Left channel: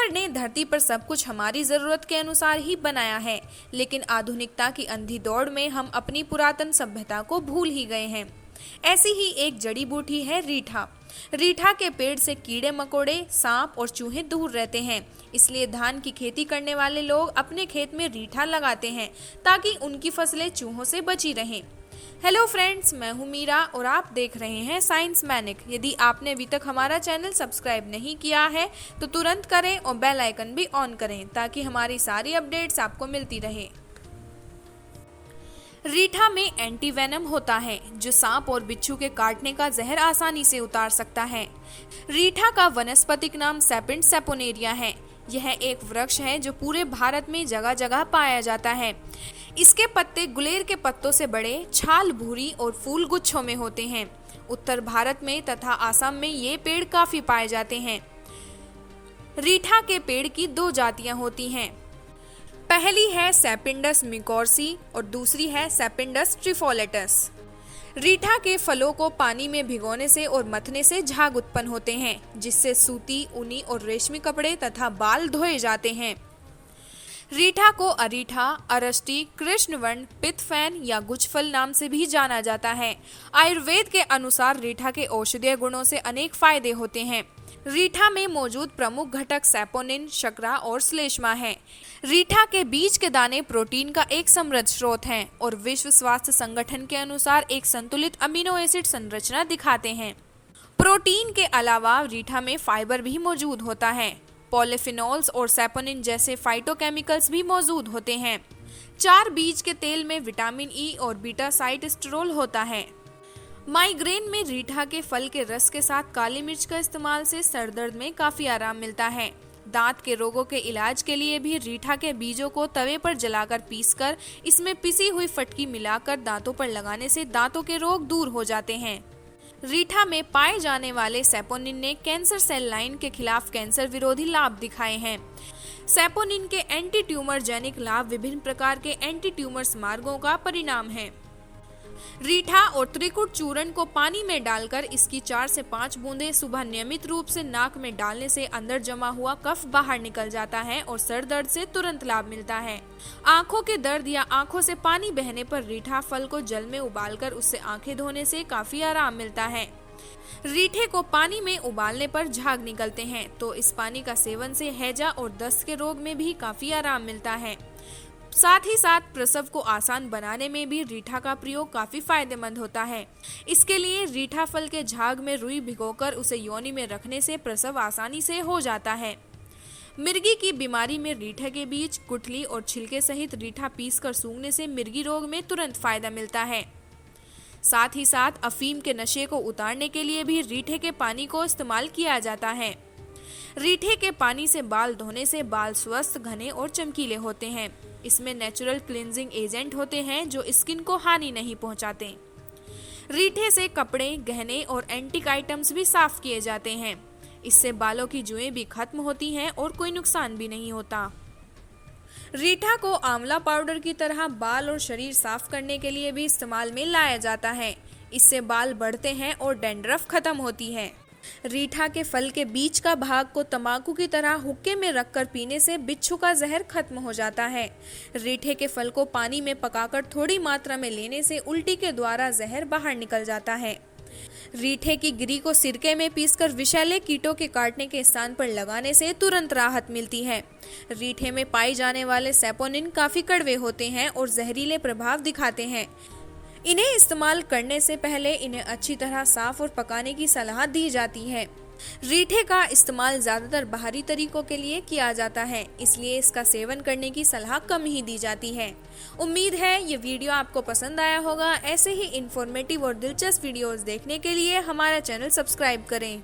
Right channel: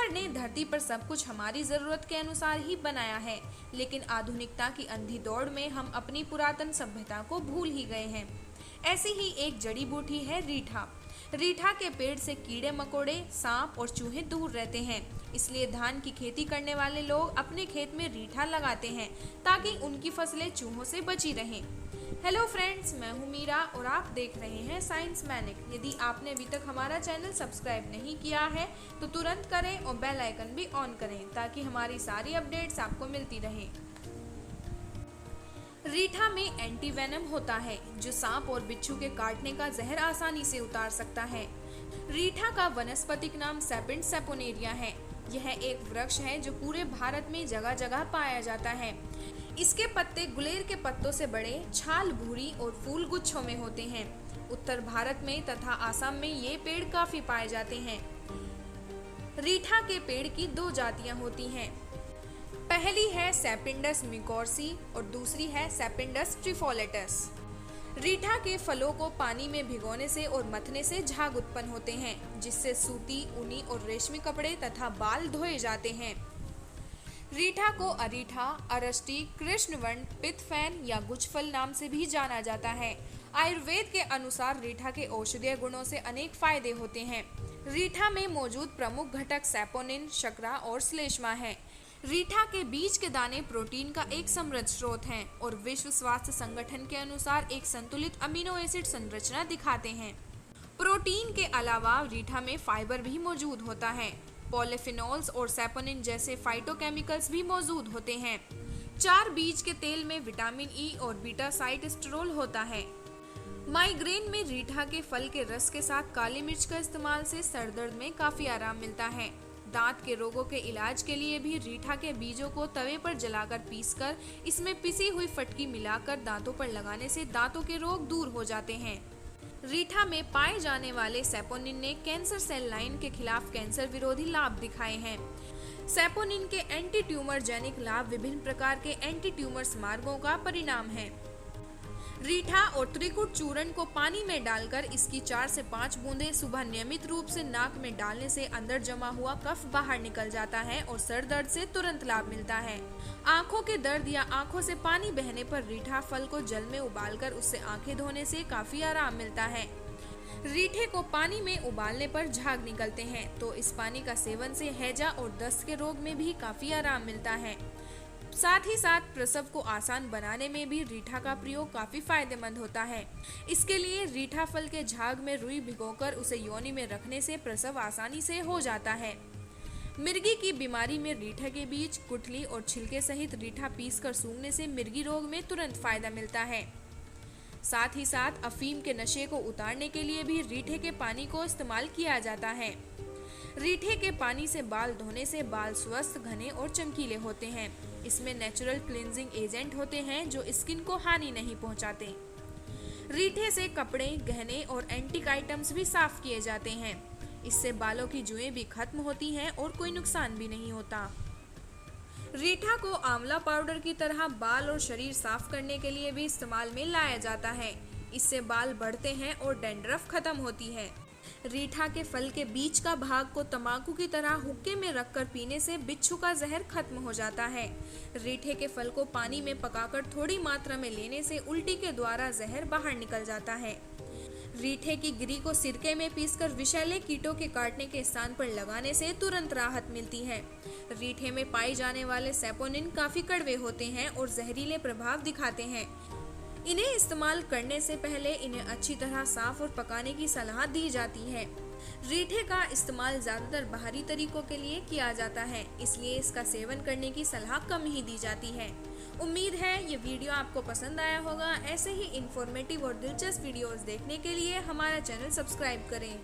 ईश्वर ने धरती पर सब कुछ हमारी जरूरत के अनुसार ही बनाया है, लेकिन आधुनिकता की अंधी दौड़ में हम अपनी पुरातन सभ्यता को भूल ही गए हैं। ऐसी ही एक जड़ी बूटी है रीठा। रीठा के पेड़ से कीड़े मकोड़े, सांप और चूहे दूर रहते हैं, इसलिए धान की खेती करने वाले लोग अपने खेत में रीठा लगाते हैं ताकि उनकी फसलें चूहों से बची रहें। हेलो फ्रेंड्स, मैं हूं मीरा और आप देख रहे हैं साइंस मैनिक। यदि आपने अभी तक हमारा चैनल सब्सक्राइब नहीं किया है तो तुरंत करें और बेल आइकन भी ऑन करें ताकि हमारी सारी अपडेट्स आपको मिलती रहे। रीठा में एंटी वेनम होता है जो सांप और बिच्छू के काटने का जहर आसानी से उतार सकता है। रीठा का वनस्पतिक नाम सेपिंट सेपोनेरिया है। यह एक वृक्ष है जो पूरे भारत में जगह जगह पाया जाता है। इसके पत्ते गुलेर के पत्तों से बड़े, छाल भूरी और फूल गुच्छों में होते हैं। उत्तर भारत में तथा असम में ये पेड़ काफी पाए जाते हैं। रीठा के पेड़ की दो जातियां होती हैं। पहली है सेपिंडस मिकोर्सी और दूसरी है सेपिंडस ट्रिफोलेटस। रीठा के फलों को पानी में भिगोने से और मथने से झाग उत्पन्न होते हैं, जिससे सूती, ऊनी और रेशमी कपड़े तथा बाल धोए जाते हैं। रीठा को अरीठा, अरष्टी, कृष्णवर्ण, पित्तफैन या गुच्छफल नाम से भी जाना जाता है। आयुर्वेद के अनुसार रीठा के औषधीय गुणों से अनेक फायदे होते हैं। रीठा में मौजूद प्रमुख घटक सैपोनिन, शर्करा और श्लेष्मा है। रीठा के बीज के दाने प्रोटीन का एक समृद्ध स्रोत हैं और विश्व स्वास्थ्य संगठन के अनुसार एक संतुलित अमीनो एसिड संरचना दिखाते हैं। प्रोटीन के अलावा रीठा में फाइबर भी मौजूद होता है। पॉलीफिनॉल्स और सैपोनिन जैसे फाइटोकेमिकल्स भी मौजूद होते हैं। 4 बीज के तेल में विटामिन ई और बीटा साइटोस्टेरोल होता है। माइग्रेन में रीठा के फल के रस के साथ काली मिर्च का इस्तेमाल से सर दर्द में काफी आराम मिलता है। दांत के रोगों के इलाज के लिए भी रीठा के बीजों को तवे पर जलाकर पीसकर इसमें पिसी हुई फटकी मिलाकर दांतों पर लगाने से दांतों के रोग दूर हो जाते हैं। रीठा में पाए जाने वाले सैपोनिन ने कैंसर सेल लाइन के खिलाफ कैंसर विरोधी लाभ दिखाए हैं। सैपोनिन के एंटी ट्यूमर जेनिक लाभ विभिन्न प्रकार के एंटी ट्यूमर मार्गों का परिणाम है। रीठा और त्रिकुट चूर्ण को पानी में डालकर इसकी 4 से 5 बूंदें सुबह नियमित रूप से नाक में डालने से अंदर जमा हुआ कफ बाहर निकल जाता है और सर दर्द से तुरंत लाभ मिलता है। आंखों के दर्द या आंखों से पानी बहने पर रीठा फल को जल में उबालकर उससे आंखें धोने से काफी आराम मिलता है। रीठे को पानी में उबालने पर झाग निकलते हैं, तो इस पानी का सेवन से हैजा और दस्त के रोग में भी काफी आराम मिलता है। साथ ही साथ प्रसव को आसान बनाने में भी रीठा का प्रयोग काफी फायदेमंद होता है। इसके लिए रीठा फल के झाग में रुई भिगोकर उसे योनि में रखने से प्रसव आसानी से हो जाता है। मिर्गी की बीमारी में रीठा के बीज, गुठली और छिलके सहित रीठा पीसकर सूंघने से मिर्गी रोग में तुरंत फायदा मिलता है। साथ ही साथ अफीम के नशे को उतारने के लिए भी रीठे के पानी को इस्तेमाल किया जाता है। रीठे के पानी से बाल धोने से बाल स्वस्थ, घने और चमकीले होते हैं। इसमें नेचुरल क्लींजिंग एजेंट होते हैं जो स्किन को हानि नहीं पहुंचाते। रीठे से कपड़े, गहने और एंटीक आइटम्स भी साफ किए जाते हैं। इससे बालों की जुएं भी खत्म होती हैं और कोई नुकसान भी नहीं होता। रीठा को आंवला पाउडर की तरह बाल और शरीर साफ करने के लिए भी इस्तेमाल में लाया जाता है। इससे बाल बढ़ते हैं और डैंड्रफ खत्म होती है। रीठा के फल के बीच का भाग को तंबाकू की तरह हुक्के में रखकर पीने से बिच्छू का जहर खत्म हो जाता है। रीठे के फल को पानी में पकाकर थोड़ी मात्रा में लेने से उल्टी के द्वारा जहर बाहर निकल जाता है। रीठे की गिरी को सिरके में पीसकर विषैले कीटों के काटने के स्थान पर लगाने से तुरंत राहत मिलती है। रीठे में पाए जाने वाले सैपोनिन काफी कड़वे होते हैं और जहरीले प्रभाव दिखाते हैं। इन्हें इस्तेमाल करने से पहले इन्हें अच्छी तरह साफ और पकाने की सलाह दी जाती है। रीठे का इस्तेमाल ज्यादातर बाहरी तरीकों के लिए किया जाता है, इसलिए इसका सेवन करने की सलाह कम ही दी जाती है। उम्मीद है ये वीडियो आपको पसंद आया होगा। ऐसे ही इंफॉर्मेटिव और दिलचस्प वीडियोस देखने के लिए हमारा चैनल सब्सक्राइब करें।